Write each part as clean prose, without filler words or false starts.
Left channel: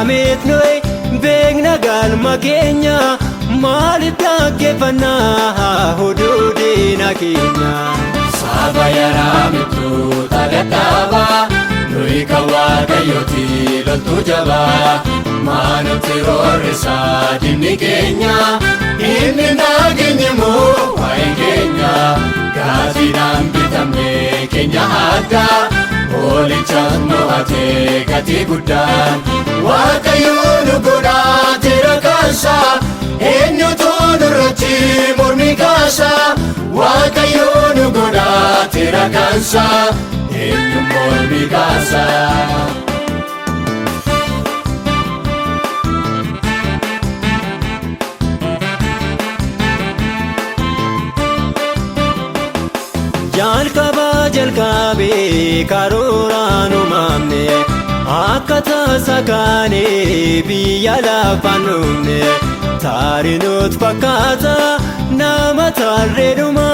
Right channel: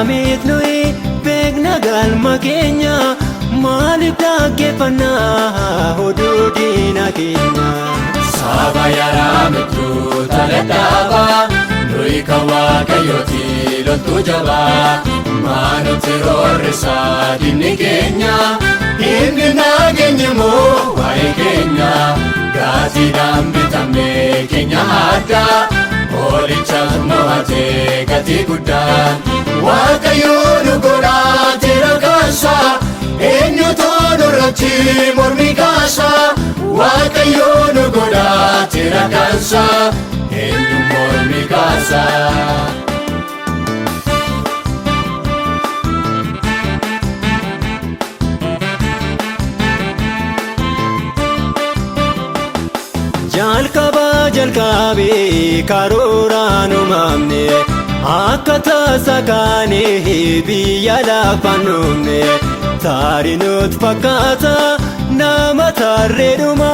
yaarameet nuyi beekna galma keenya maaliif dhaggeeffannaa oduu diina keenya. Saba yaarameetu taladhaaba nuyi kan waaqayyooti loltuu jabaa maanutti roorrisaa diinni keenya inni nageenya moo waa'ee keenya gaazexaan bitamee keenya addaa oolichaan mo'atee gatii guddaan waaqayyoo nu godhaa jira kaasaa eenyutu nurratti mormi kaasaa waaqayyoo nu godhaa jira kaasaa eenyu mormi kaasaa. jalqabee karooraan uumamne akka tasaa kaanee biyya lafaan dhufne taarinuut fakkaata nama tarreedhuma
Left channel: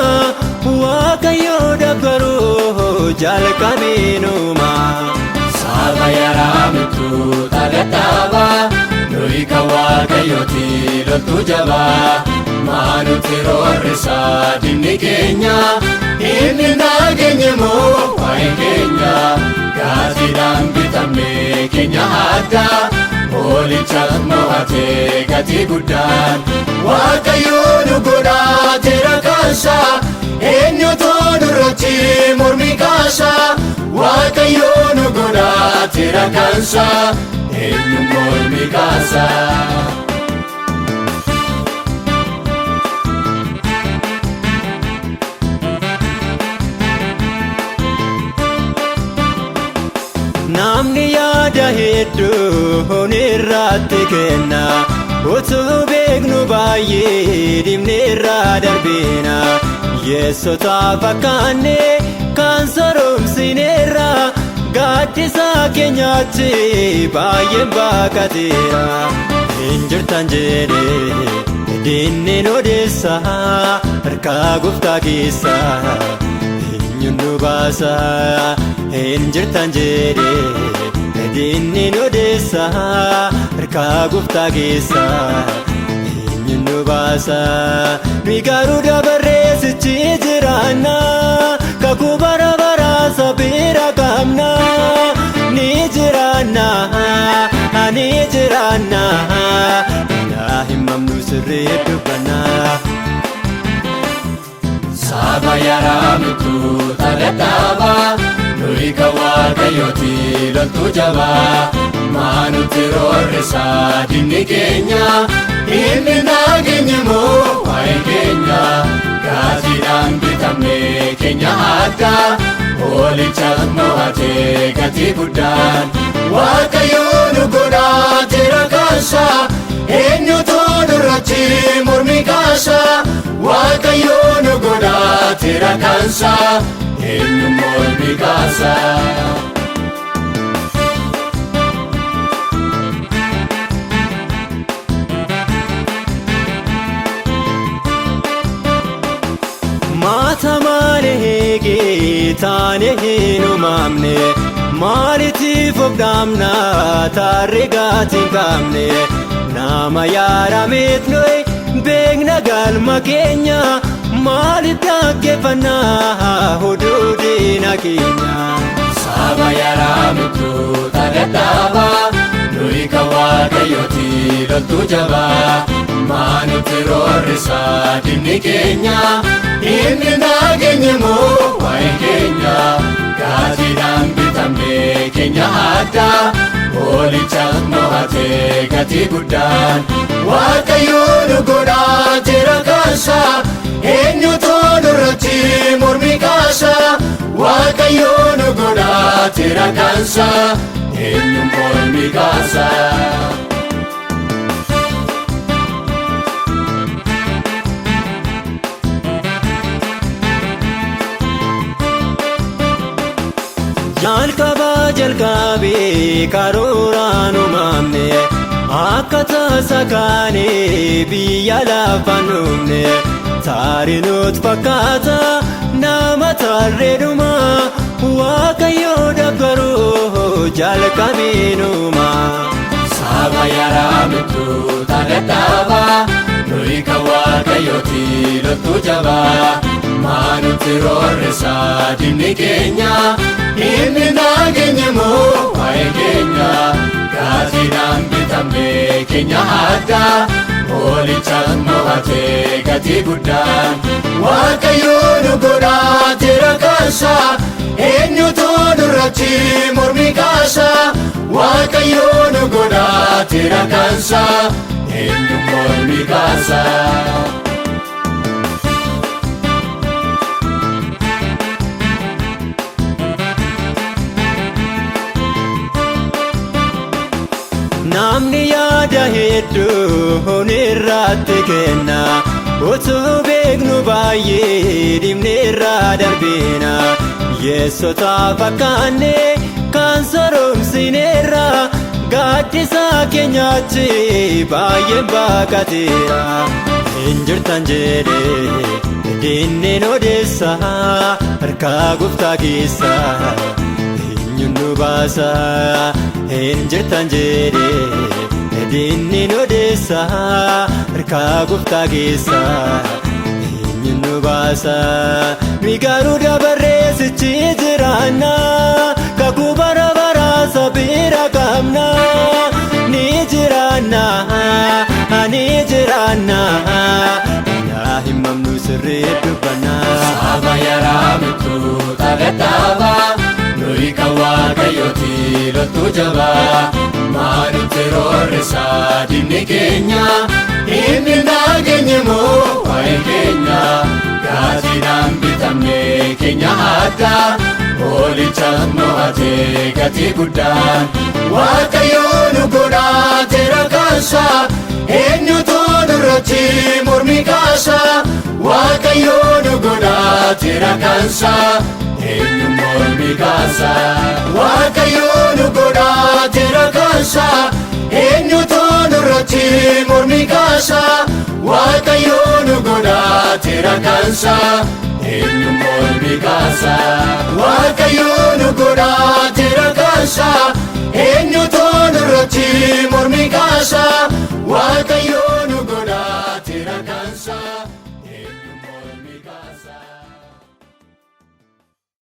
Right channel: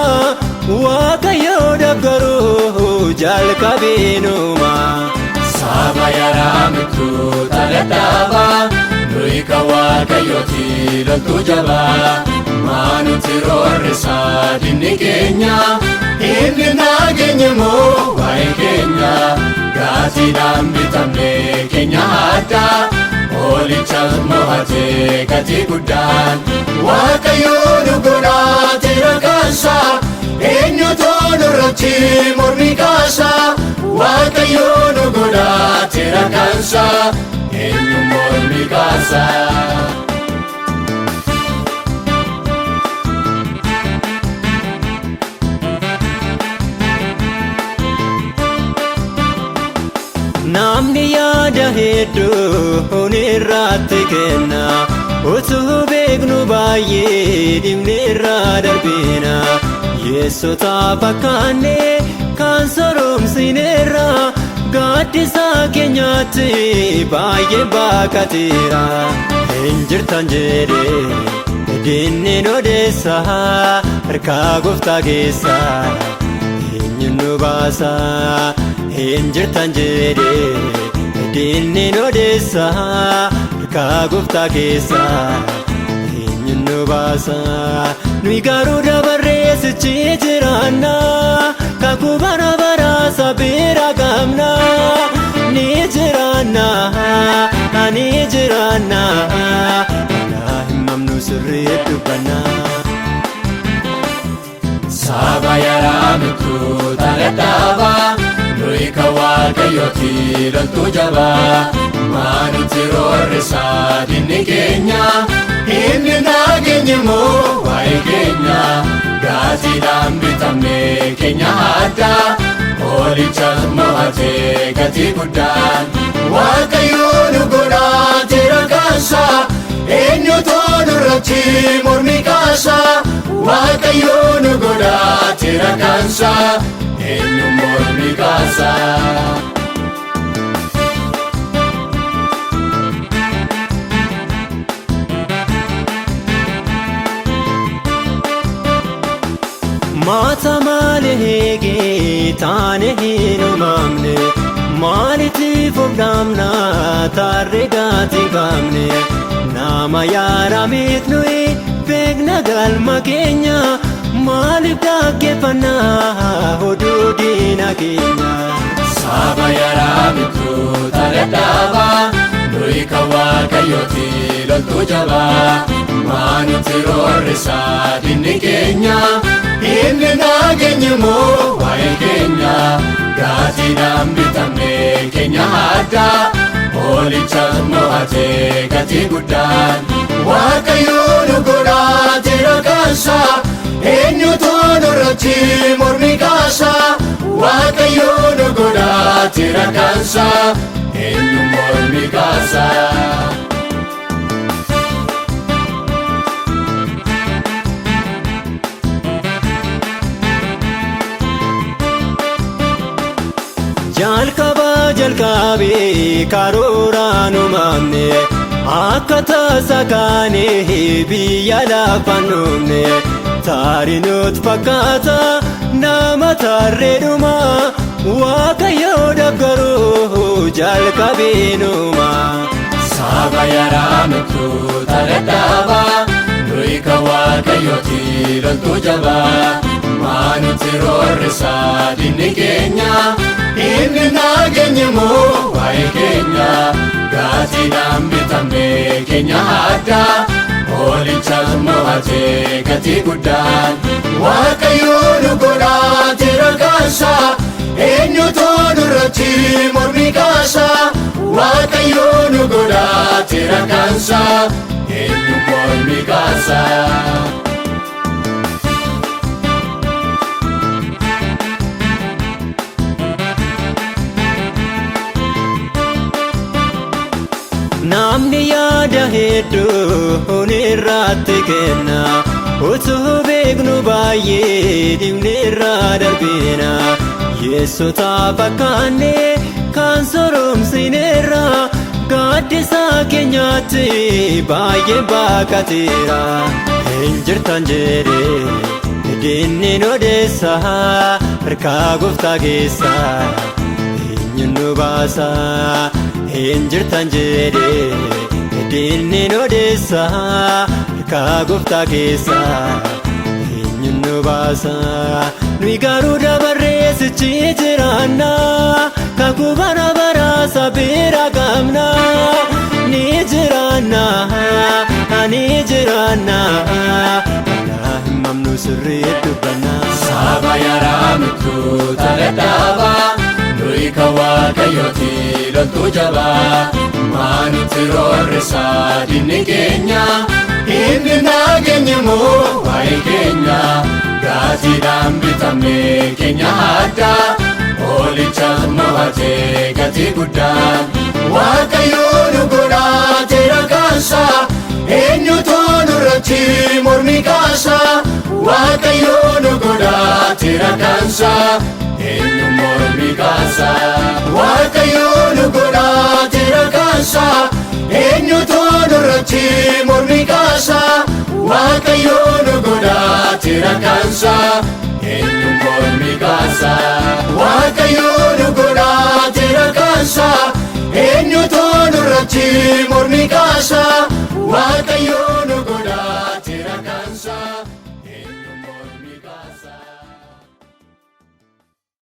waaqayyoo doggaruu jalqabee nuuma. Saba yaarameetu taladhaaba nuyi kan waaqayyooti loltuu jabaa maanutti roorrisaa diinni keenya inni nageenya moo waa'ee keenya gaazexaan bitamee keenya addaa oolichaan mo'atee gatii guddaan waaqayyoo nu godhaa jira kaasaa eenyutu nurratti mormi kaasaa waaqayyoo nu godhaa jira kaasaa eenyu mormi kaasaa. Namni yaada hedduu irratti kenna utuu beeknu baay'ee dhimne irraa darbeena yeessota fakkaanne kan soromsineerra gaaddisa keenyaatti baay'ee baakateera hin jirtan jedhee diinni odeessa harkaa gooftaa keessa eenyuun nu baasa. Hinjirtan jedhee diinni odeessa harkaa gooftaa keessa eenyuun nu baasa. Nuyi garuu dabarree sichi jiraanna kakuu bara baraa sabeera qabna ni jiraanna ni jiraanna daa'imman nu sirrii dubbanna. Saba yaarameetu taladhaaba nuyi kan waaqayyooti loltuu jabaa maanutti roorrisaa diinni keenya inni nageenya moo waa'ee keenya gaazexaan bitamee keenya addaa oolichaan mo'atee gatii guddaan waaqayyoo nu godhaa jira kaasaa eenyutu nurratti mormi kaasaa waaqayyoo nu godhaa jira kaasaa eenyu mormi kaasaa. Maata maaliin eegee taane hin uumamne maaliitiif of dhaabna taarree gaatii qabne nama yaarameet nuyi beekna galma keenya maaliif dhaggeeffannaa oduu diina keenya. Saba yaarameetu taladhaaba nuyi kan waaqayyooti loltuu jabaa maanutti roorrisaa diinni keenya inni nageenya moo waa'ee keenya gaazexaan bitamee keenya addaa oolichaan mo'atee gatii guddaan waaqayyoo nu godhaa jira kaasaa eenyutu nurratti mormi kaasaa waaqayyoo nu godhaa jira kaasaa eenyu mormi kaasaa. jalqabee karooraan uumamne akka tasaa kaanee biyya lafaan dhufne taarinuut fakkaata nama tarreedhuma waaqayyoo doggaruu jalqabeenuma. dadhaabaa nuyi kan waaqayyooti loltuu jabaa maanutti roorrisaa diinni keenya inni nageenye moo waa'ee keenya gaazidhaan bitamne keenya addaa hoolichaas mo'atee gatii guddaan waaqayyoo nu godhaa jira kaasaa eenyutu nurratti mormi kaasaa waaqayyoo nu godhaa jira kaasaa eenyu mormi kaasaa. Namni yaada hedduu hunirratti kenna utuu beeknu baay'ee dhimneerraa darbina yeessota fakkaanne kan soromsineerra gaaddisa keenyaatti baay'ee baqateera hin jirtan jedhee dinneen odeessa harkaa gooftaa keessa eenyu nu baasa. Hin jirtan jedhee diinni odeessa harkaa gooftaa keessa eenyu nu baasa. Nuyi garuu dabarreessichi jiraanna kakuu bara baraa bira qabna ni jiraanna ni jiraanna yaa himamnu sirrii dubbanna. Saba yaraa mituu taladhaabaa nuyi kan waaqayyooti loltuu jabaa maanutti roorrisaa diinni keenya inni nageenye moo waa'ee keenya gaazidhaan bitamne keenya addaa hoolichaas mo'atee gatii guddaan waaqayyoo nu godhaa jira kaasaa eenyutu nurratti mormi kaasaa waaqayyoo nu godhaa jira kaasaa eenyu mormi kaasaa.